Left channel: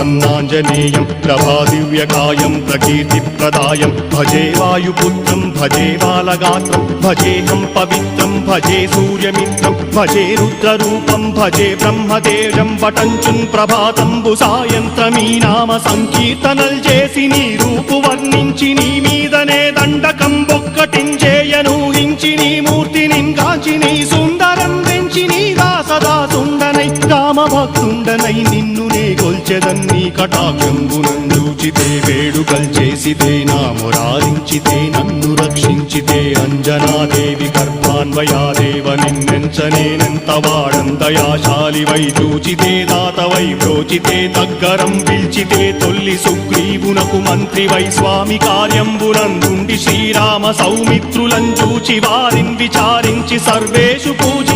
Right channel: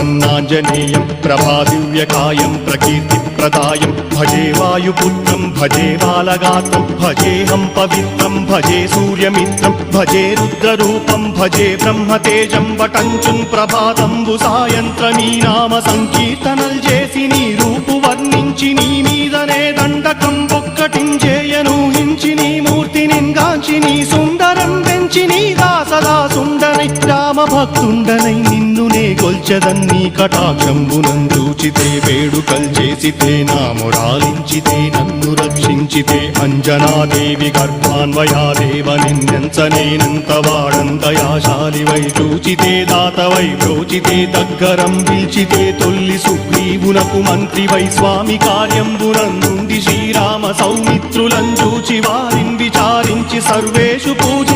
प्रसन्नाञ्जनेयं प्रभादिव्यकायं प्रकीर्तिप्रदायं भजे वायुपुत्रं भजे बालगात्रं भजेऽहं पवित्रं भजे सूर्यमित्रं भजे रुद्ररूपं भजे ब्रह्मदेवं वटञ्चुं प्रभाతంబు సాయంత్రమీ నామ సంకీర్తనల్ చేసి నీ రూపు వర్ణించి నీ మీదనే దండకం ఒక్కటించేయను హించి నీ మూర్తిని గాంచి నీ సుందరం పెంచి నీ దాసదా సుందరై రామభక్తుండనై నిన్నునే కొల్చెదన్ని కటాక్షంబునందూచితే వేడుకల్ చేసితే నా మురారించితే నన్ను రక్షించితే అంజనాదేవి గర్భాన్వయాదేవనెంచనేనంత వాడంతయాశాలివై చూచితే దాతవై ప్రోచితే దగ్గరం పిలిచితే తొల్లి సుగ్రీవునకు మంత్రివై స్వామి కార్యంబునందుండి శ్రీరామ సౌమిత్రులం చూచి వారిని విచారించి సర్వేషు పూజ